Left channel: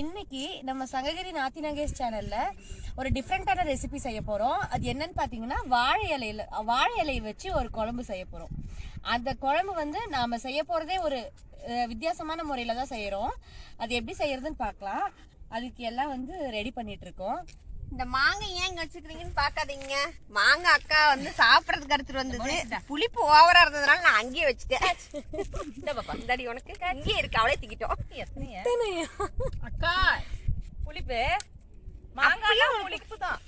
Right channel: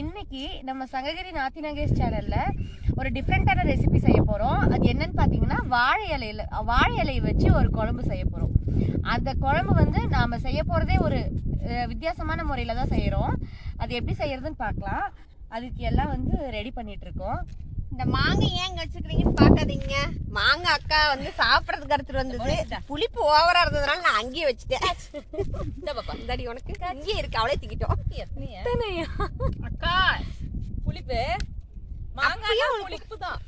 இன்னைக்கு நம்ம சங்ககிரி நாத்தி நங்கேஸ் சேனல்ல ஒரு டிஃப்ரெண்டான ரெசிபி செய்ய போறோம். அது என்னன்னு பாத்தீங்கன்னா வாழை இலையை வச்சு ஒரு குழம்பு செய்ய போறோம். அந்த குழம்பு வந்து நாம செய்ய போறதே ஒரு வித்தியாசமான முறையில தான் செய்யறோம். அது எப்படி செய்யறதுன்னு பார்க்கலாம். அதுக்கு எல்லாம் வந்து ரெடி பண்ணிட்டு இருக்கோம். இந்த மாங்காய் ஏன் இங்க வச்சுக்கிறீங்கன்னு பாக்காதீங்க. மாங்காய் அக்கா வந்து சாப்பிடறதுக்கு எடுத்துட்டு வந்தது. புளிப்பு ஓவரா இருந்ததுனால நான் அங்கேயே வச்சுட்டேன். இந்த பக்கம் இந்த அடி உனக்கு அங்கேயே இருக்கு, அவளே தூக்கிட்டோம். அக்கா புளிப்பு மாங்காய் புளிப்பு தான்.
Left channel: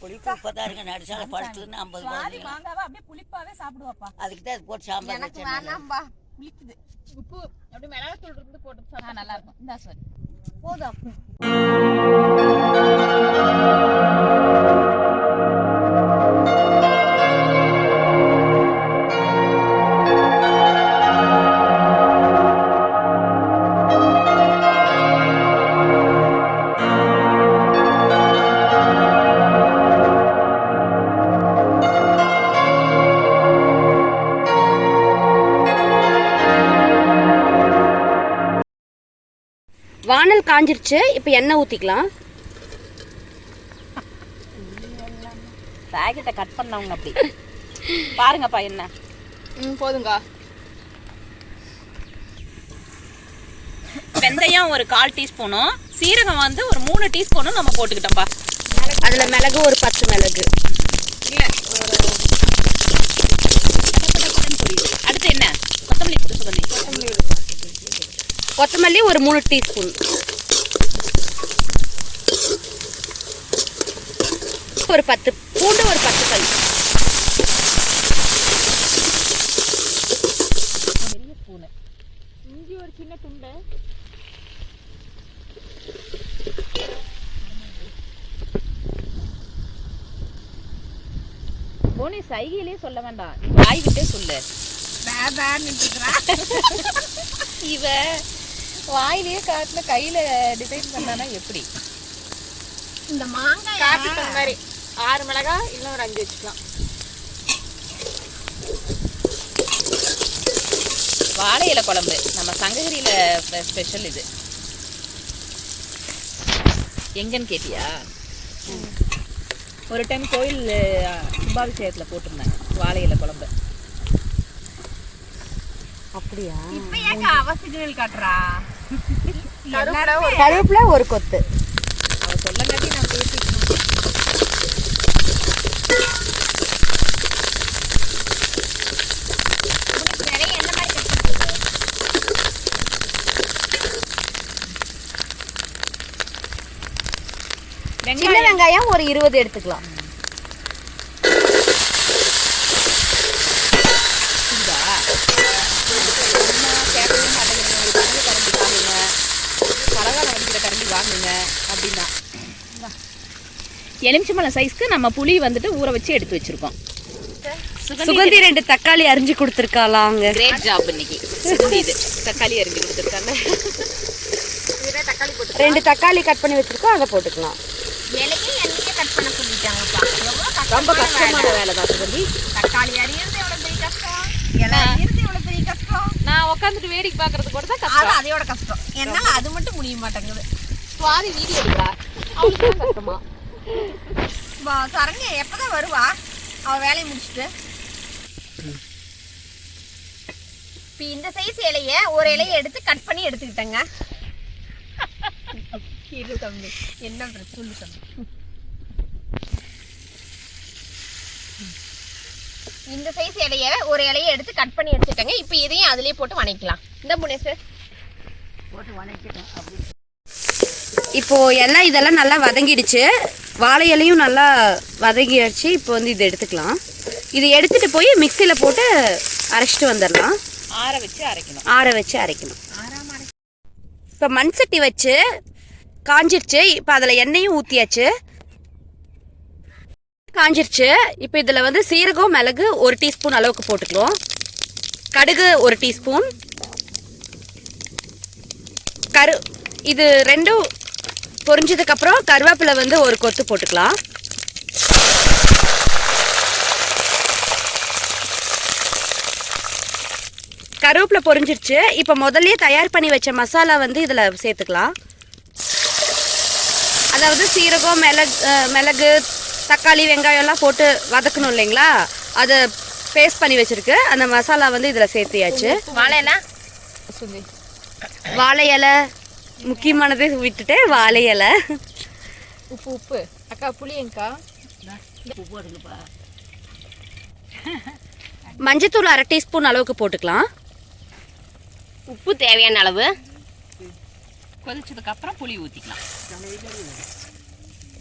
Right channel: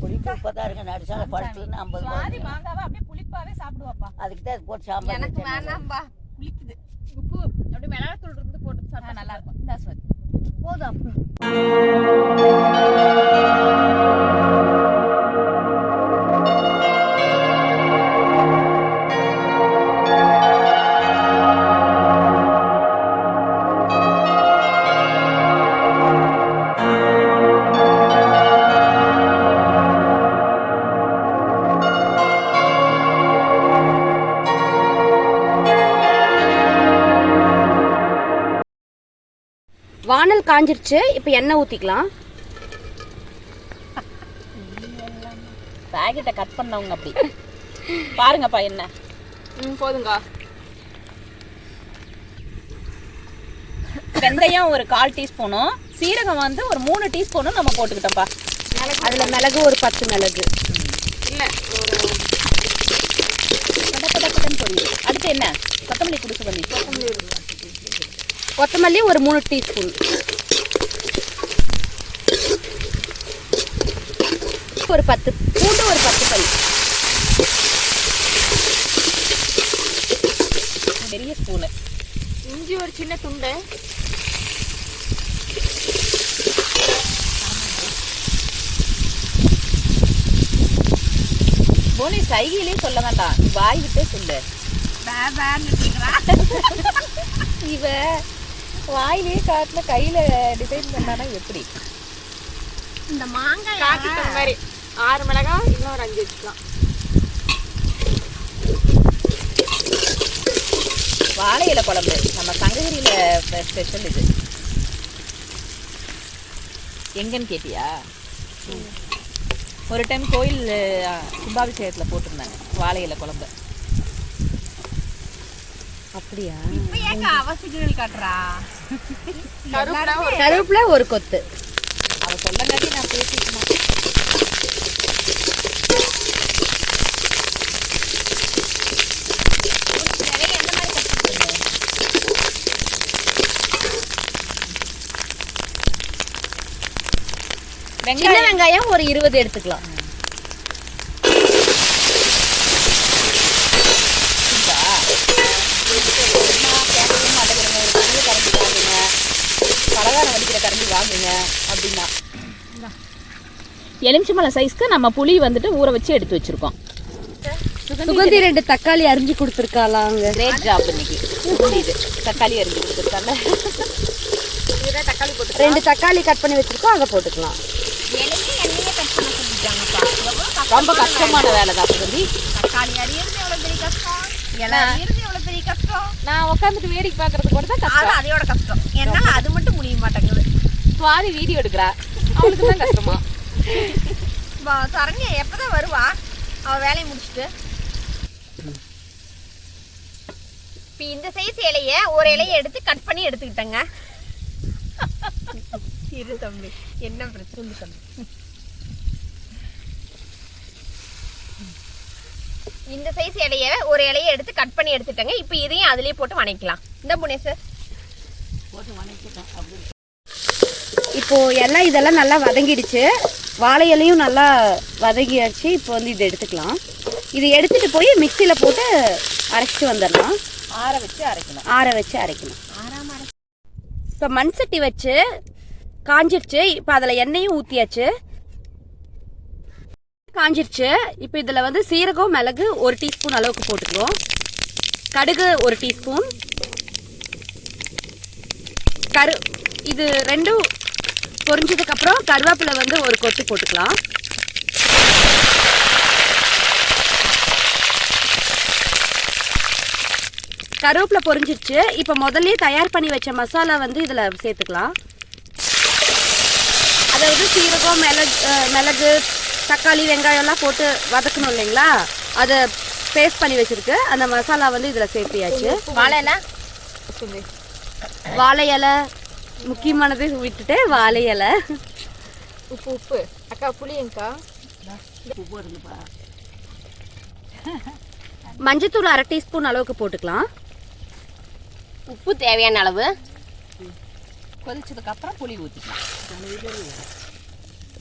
புளிப்பு இப்பதான் இருங்க, நடுசால படுத்துன்னு 50 மாங்காவை அப்படியே புளிப்பாவே சாப்பிடுவாப்பா. அதுக்கு தான் போட்டு சாம்பார் எனக்கு வேணாம்பா, புளிக்குது. உப்பு அப்படியே மிளகாத்தூள் இருந்து போட்டு சாப்பிட்டா நல்லா இருக்கும். இந்த சாரி போதும். வானல் காஞ்சிருச்சு. இப்போ எண்ணெய் ஊற்றிக்கலாம். பாக்கெட்டை கட் பண்ணவங்க அப்படி பாருங்கப்பா. என்ன போதுங்க. வெந்தயம் ஒரு 1/4 டீஸ்பூனும், சீரகம் வந்து ஒரு 3 டீஸ்பூனும் நம்ம போட்டுக்கிட்டோம்ப்பா. அதில் மிளகு ஒரு 10 மிளகு. இல்லை ஒரு பொரியல். அடுத்து என்ன? கொத்தமல்லி புடிச்சு கொத்தமல்லி ஒரு 3 டீஸ்பூன். ஒரு 10 பூண்டு, ஒரு 10 பல். பெரிய ஸ்பூனு இஞ்சி ஒரு சின்ன துண்டு. போனி சைகிலே சொல்ல வேண்டாம், வாய் விட்டே சொல்லு. இவ வாயிலேயே காட்டுல கையில டிசைன் பண்ணானா எப்படி? இந்த மாங்காய் காப்பி பண்ண மாதிரி 6 மிளகாய் இல்லை ஒரு 5 வச்சுக்கலாம். வாழை இலை குழம்பு நம்ம சங்ககிரியில ஸ்பெஷல். இது எங்கன்னு கேட்டியா? ஒரு டைம் கோயில் கும்பாபிஷேகத்துல போட்டிருந்தேன் வாழை இலை குழம்பு. அப்படியா? அவசியம் காட்டுறா. கருவேப்பிலை ஒரு கொத்து. அவ சொல்லங்காட்டி நான் பேசிட்டேன். சின்ன வெங்காயம் ஒரு 20 எடுத்துக்கலாம். அப்படின்னா எலுமிச்சம்பழம் சைஸ்க்கு நம்ம புளி வந்துட்டு ஊற வச்சு எடுத்து வச்சிருக்கோம். சுகந்தி 2 தக்காளி அரிஞ்சு கொடுத்துருக்காளாங்க. கிரேட் ஜாப் இன்னைக்கு. இது தக்காளி அரிஞ்சு கொடுத்துருக்காங்க. 2 தக்காளி கட் பண்ணி வச்சிருக்கோம், அதை போட்டுக்கலாம். எனக்கு எண்ணெயே கட் பண்ண சொல்லிட்டாங்கப்பா. ரொம்ப கஷ்டமான வேலை தான் சுகந்தி. தக்காளி அரியறது எவ்வளவு பெரிய கஷ்டம், எல்லாம் அரியறது எவ்வளவு பெரிய கஷ்டம். நான் உட்காந்துட்டு வேடிக்கை பார்க்கறது கூட தான் அது அதையோட கஷ்டம். என்னால அது மட்டும் முடிய மாட்டேங்குது. சுவாதி வீடியோ எடுக்கிறா, அவளுக்கு தான் கஷ்டமா. சரண்யா எப்பதான் வருவா அவ வேலையை முடிச்சுட்டு? இப்போ இந்த சைஸ் இலைய ஒரு இலையை எடுத்து கட் பண்ணி எடுத்துக்கிட்டேங்க. இரு தம்பி, என்ன பிரச்சனை தம்பி? இந்த சைஸ் இலைய ஒரு இலையை எடுத்து கட் பண்ணி எடுத்துட்டேங்க. இப்போ இதையும் அதுலயே போட்டு வணக்கலாம். இந்த புனேஷ் போட்டு வணக்கிட்டேன். அப்படி இப்போ எல்லாம் இதெல்லாம் நல்லா வதங்கிடுச்சு. வாழை இலையும் நல்லா வதங்கிடுச்சு. இப்போ வந்து இதை எடுத்துக்கலாம். இதை எடுத்துட்டு போய் மிக்சியில் போட்டு அரைச்சிட்டு வந்துடலாம். ஆற வச்சு அரைக்கணும். ஆற வச்சு அரைக்கணும். இப்போ மண் சட்டி வச்சு காஞ்சிருச்சு. இப்போ அதில் எண்ணெயும் ஊற்றியாச்சு. காஞ்சிருச்சு. இப்போ இதில் வந்து சீரகம் மிளகு 1 டீஸ்பூன் அளவுக்கு போட்டுக்குவோம். கடுகு 1 டீஸ்பூன். இது ரெண்டும் பொரிஞ்சதுக்கப்புறம் கருவேப்பிலை வந்து ஒரு கொத்து போட்டுக்கலாம். கருவேப்பிலை பொரிஞ்சிருச்சு. இப்போ முதல்லயே தயார் பண்ணி வச்ச மசாலா வந்து இதில் சேர்த்துக்கலாம். அதாவது சீரகம், மிளகு, தக்காளி, வெங்காயம் எல்லாம் போட்டு வதக்கணும் இல்லைங்களா, அதை பேஸ்ட் பண்ணி வச்சிருக்கு. அந்த மசாலா வந்து இதில் சேர்த்தியாச்சு. வாழை இலை முக்கியமானது விட்டுட்டு வாழை இலை, உப்பு அக்கா, புளியங்கா, உப்பு போடுங்கப்பா. மஞ்சத்தூள் 1/2 டீஸ்பூன் அளவுக்கு போட்டுக்கலாம். உப்பு தேவையான அளவு. கொதிச்சதுக்கு அப்புறம் புளி ஊற்றிக்கலாம்.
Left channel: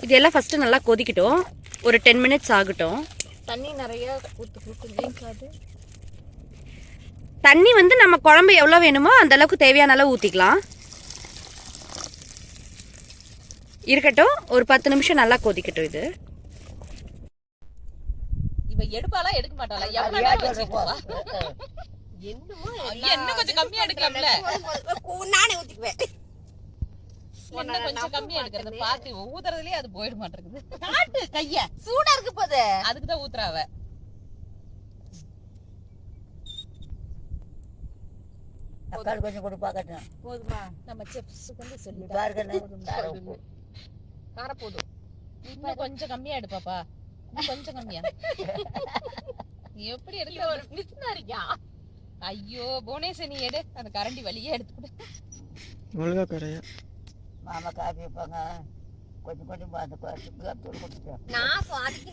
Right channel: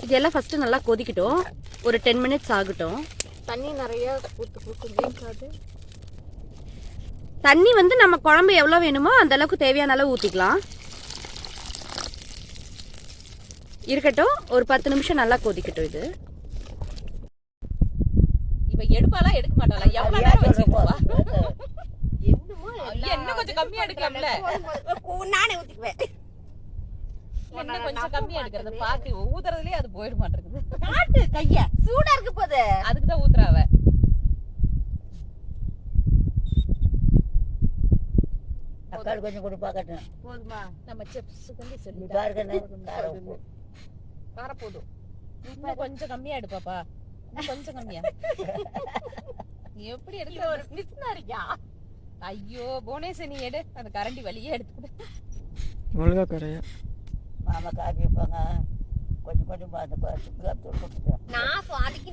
இதெல்லாம் ஃபஸ்ட்டு நல்லா கொதிக்கட்டும். ஒரு 10 மினிட்ஸ் ஆகட்டும். தண்ணி நிறைய ஊற்று. தண்ணி வந்து நம்ம குழம்பு எவ்வளோ வேணுமோ அந்த அளவுக்கு தேவையான அளவு ஊற்றிக்கலாம். இருக்கட்டும், ஒரு 10 நிமிஷம் நல்லா கொதிக்கட்டும். இது இவ எடுப்பாளா எடுக்க மாட்டாளா? எவ்வளவு நேரம் வச்சுக்குவா? இன்னும் கொஞ்சம் கம்மியா எடுக்கலாம்ல. நானே ஊத்திக்குவேன். இன்னும் கொஞ்சம் கம்மியா எடுக்கிறது பாத்து ஊத்துறதுலயே அது போயிட மாட்டேங்குது. காட்டு கைய சூடா இருக்கு போது. அதுக்குதான் ஊத்துறாவ. தக்காளி கொஞ்சம் கூட பார்க்கட்டும். போதுமா? நம்ம செப்ஸுக்கு வந்து சொல்லி கார போதும். இன்னும் கொஞ்சம் கம்மியா எடு பாப்பா. கொஞ்சம் கம்மியா. எப்படி எடுக்க ஒரு மிஸ்னா இருக்கியா? ஐயோ போனேச, நீ எடு. அந்த கரண்டி வழியே எடுத்துக்கிட்டு ஒழுங்கா கரையா மாமா காப்பி வைப்பாங்க. கொஞ்சம் கொஞ்சம் பார்த்து நான் சுவாதிக்கு.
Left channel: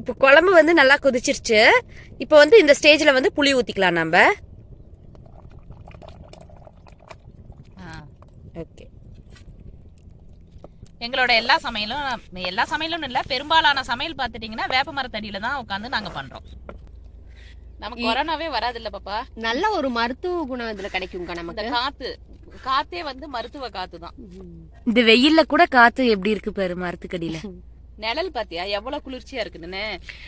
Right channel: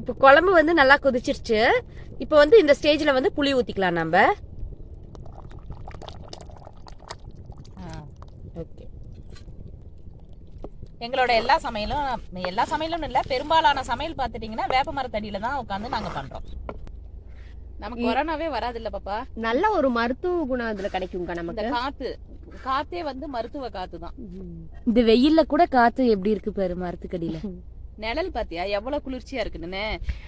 இப்போ குழம்பு வந்து நல்லா கொதிச்சிருச்சு. இப்போ வந்து இந்த ஸ்டேஜில் வந்து புளி ஊற்றிக்கலாம் நம்ம. ஓகே. எங்களோட எல்லா சமையலும் இல்லை, பெரும்பாலான சமையல் பார்த்துட்டீங்கன்னா வேப்ப மரத்தடியில தான் உட்காந்து நாங்க பண்றோம். நமக்கு கொரோனாவே வராது இல்ல பாப்பா. நல்ல ஒரு மருத்துவ குணம் இதுல கிடைக்கும்க்கா. நமக்கு இந்த காத்தே வந்து மருத்துவ காத்து தான். இந்த வெயில்ல கூட காத்து எப்படி இருக்கு பாரு மரத்துக்கடியில. நிழல் பாத்தியா எவ்வளவு குளிர்ச்சியா இருக்குன்னு.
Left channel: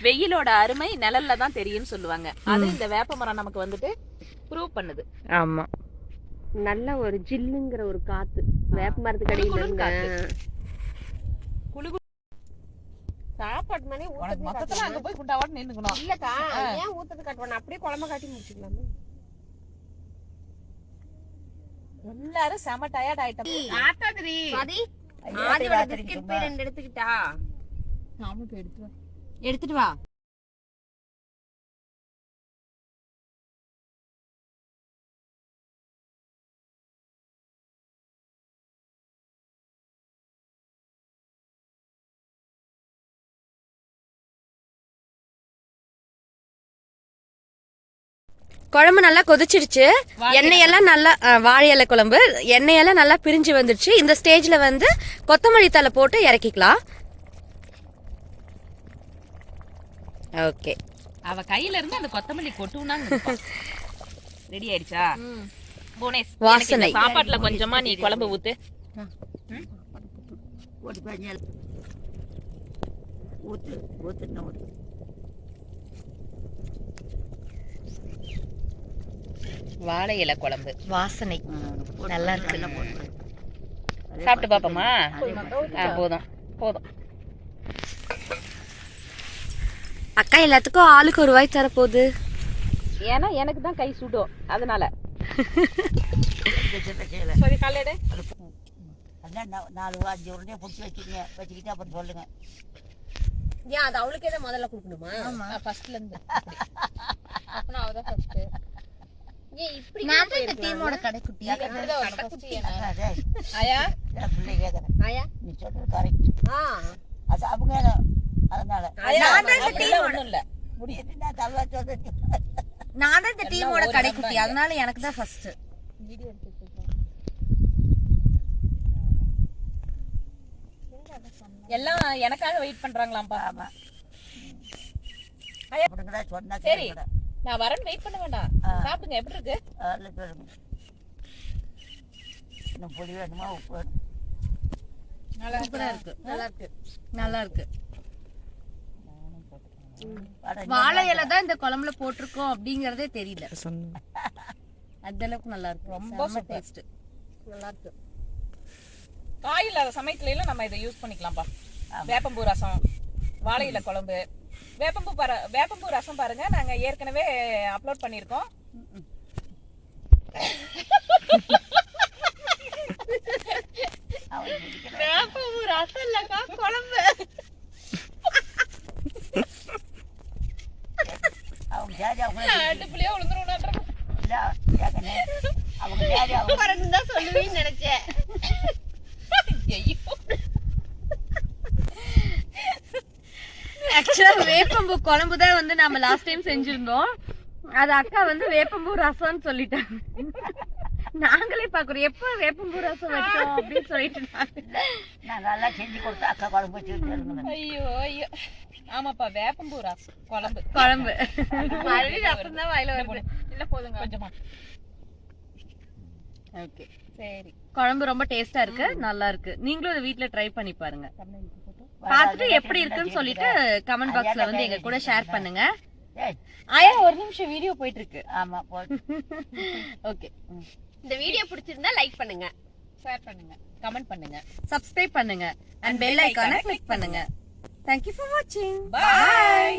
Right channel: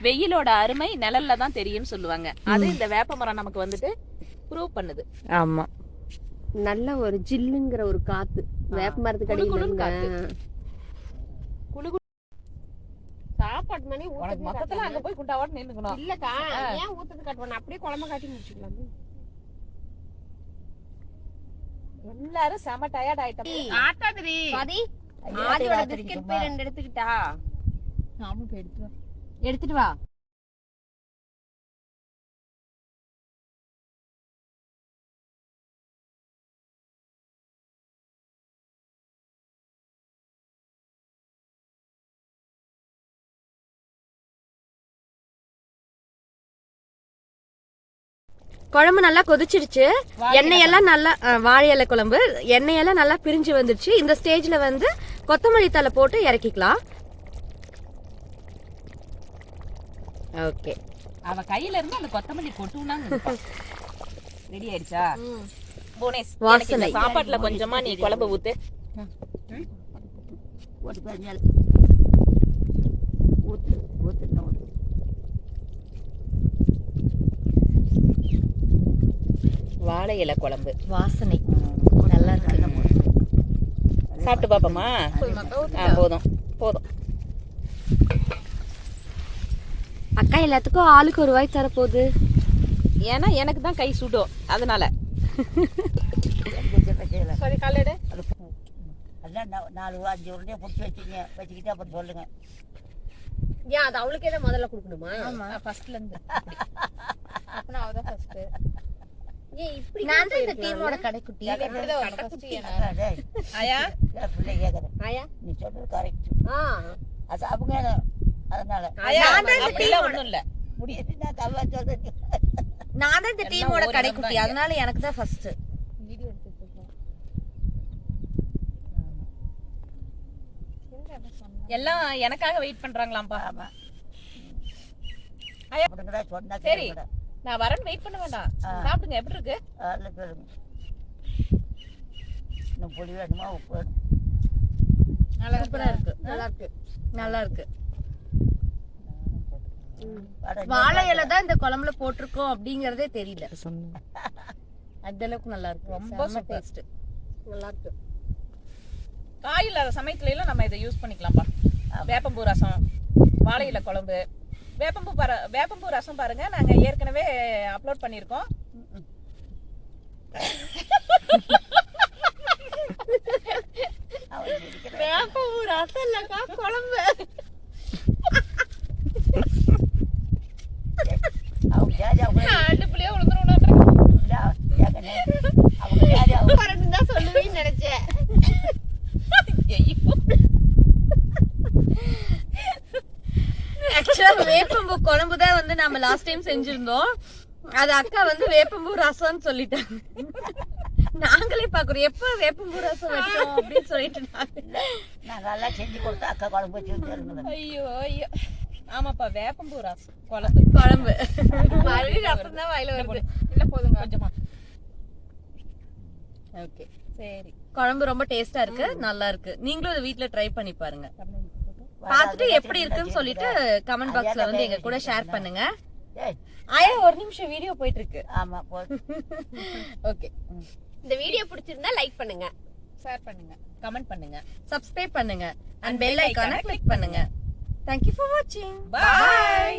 வெயிலோட அருமை நிழல்ல தான் தெரியும்னு சொல்லுவாங்க. அது இந்த வேப்ப மரம் நமக்கு வந்துட்டு ப்ரூவ் பண்ணுது. ஆமா, நல்ல ஒரு ஜில்லுங்கிற ஒரு காத்து வேப்ப மரத்துக்கு அடியில இருந்து. சாப்பாடு மணி மொத்தத்துல அங்க போய் குண்டாவாட்டு நின்னுக்கணும். இல்லக்கா, ஏன் ஊத்துறது காட்டுவாங்க, அப்படியே குழம்பு காட்டி முடிச்சுக்கலாம். எல்லாரும் செம டயர்ட் ஆயிட்டோம். ஆத்தாதிரி ஆதியோட பிஸ்கட் போய் 2 எடுத்துக்கிட்டா. நாமும் போய் எடுத்துட்டு வா. குழம்பு நல்லா கொதிச்சிருச்சு. எண்ணெயெல்லாம் நல்லா வாழை இலை குழம்பு எண்ணெயெல்லாம் நல்லா பிரிஞ்சு வந்துடுச்சு. இந்த ஸ்டேஜ்ல வந்து கொத்தமல்லி தழை போட்டு இறக்கிக்கலாம். ஓகே. அவ கையில இருந்து அந்த கொத்தமல்லி கொட்டுனாங்க. ரெடி ஆயிடுச்சா புவனேஷ்? வாசனை சாப்பாட்டுல கொஞ்சமா நீ குழம்பு ஊத்து. வாழை இலை குழம்பு வாசனை நல்லா இருக்கு. சாப்பிட்டு பாப்போமா? போதும் போதும். அக்கா எல்லாத்துக்கும் ஆளுக்கு ஒரு வாய் தர போகுது. ஏன்னா எனக்கு தான் கை சுடும், அதனால. சரி காலையிட 4-5 உருண்டையை பிடிச்சி வச்சுக்கிட்டு அப்புறம் சொல்லுங்க. ஏன் அது அவளுக்கே தான் முதல்ல கொடுக்கணுமா? ஃபர்ஸ்ட்ல இருந்து. அப்பனா அவதான் ஃபர்ஸ்ட். ஏன் இப்படி? நான் தான் இந்த டீமோட கடைக்குட்டி. ஆயா ஆயா நீ சொல்றது கரெக்ட். அது அவங்க அதனால அப்படிலாம் ஒண்ணும் இல்ல. முடியாது. நான் தவா சொல்றது. நான் தான் இந்த டீமோட கடைக்குட்டி, அதனால எனக்கு தான் ஃபர்ஸ்ட். வீடியோ எடுத்துட்டு எல்லாம் எனக்காக வெயிட் பண்றாங்களாம்பா. சரி நான் வரேன், வெயிட் பண்ண வேண்டாம். சாப்பிடுங்க. எப்படி இருக்கு? பொடி வேணுமா, உப்பு? நல்லா இருக்கு. நல்லா இருக்கு. வாழை இலை தான் இந்த குழம்புல போட்டிருக்கோம் அப்படிங்கறதே தெரியல. அந்த அளவுக்கு நல்லா இருக்கு. ரொம்ப டேஸ்ட் நல்லா இருக்கு. காய் இல்லாத சமயத்துல எல்லாம் நம்ம இதை யூஸ் பண்ணிக்கலாம்ப்பா. வேப்பம்பூ ரசம், வாழை இலை குழம்பு, வேப்பம்பூ ரசம் பாருங்க, நாங்க ஏற்கனவே அப்லோட் பண்ணிருக்கோம். வேப்பம்பூ ரசம் இல்லக்கா, குழம்பு. அடுப்புலயே விழுந்துருவோம். தான் சொல்லுவேன்னு நினைச்சேன். ஆக்சுவலா வேப்பம்பூ குழம்பு தான் வந்து நம்ம லாஸ்ட் டைம் செஞ்சிருந்தோம். அது அக்கா வந்து வேப்பம்பூ ரசம்னு சொல்லிட்டாங்க. நாங்களே பாக்குறோம் எப்ப வேப்பம்பூ ரசம் வச்சோம் அப்படின்னு சொல்லிட்டு நான் நல்லா செஞ்சு கொடுத்தா அக்கா குழம்பு வச்சு. ஐயோ ஐயோ, ஆமாப்பா, வேப்பம்பூ ரசம் குழம்பு. ரசம் தான் வாயில வருது. இல்ல போதுங்க கொஞ்சமா. ஓகே, சரி. குழம்பு ரொம்ப டேஸ்டா இருக்கு, நல்லா இருக்கு. நீங்களும் இதை வீட்ல ட்ரை பண்ணி பாருங்க. பார்த்துட்டு எப்படி இருக்குன்னு சொல்லிட்டு கமெண்ட் பாக்ஸ்ல வந்து எங்க கூட ஷேர் பண்ணுங்க. ஆயா ஒரு நிமிஷம் வீடியோ போயிட்டு இருக்கு. ஆமா, ஓகே. இந்த வீடியோ பிடிச்சிருந்தா லைக் பண்ணுங்க, ஷேர் பண்ணுங்க, கமெண்ட் பண்ணுங்க, சப்ஸ்கிரைப் பண்ணுங்க, and bell icon-ஐ click பண்ணுங்க. Thank you for watching. Bye.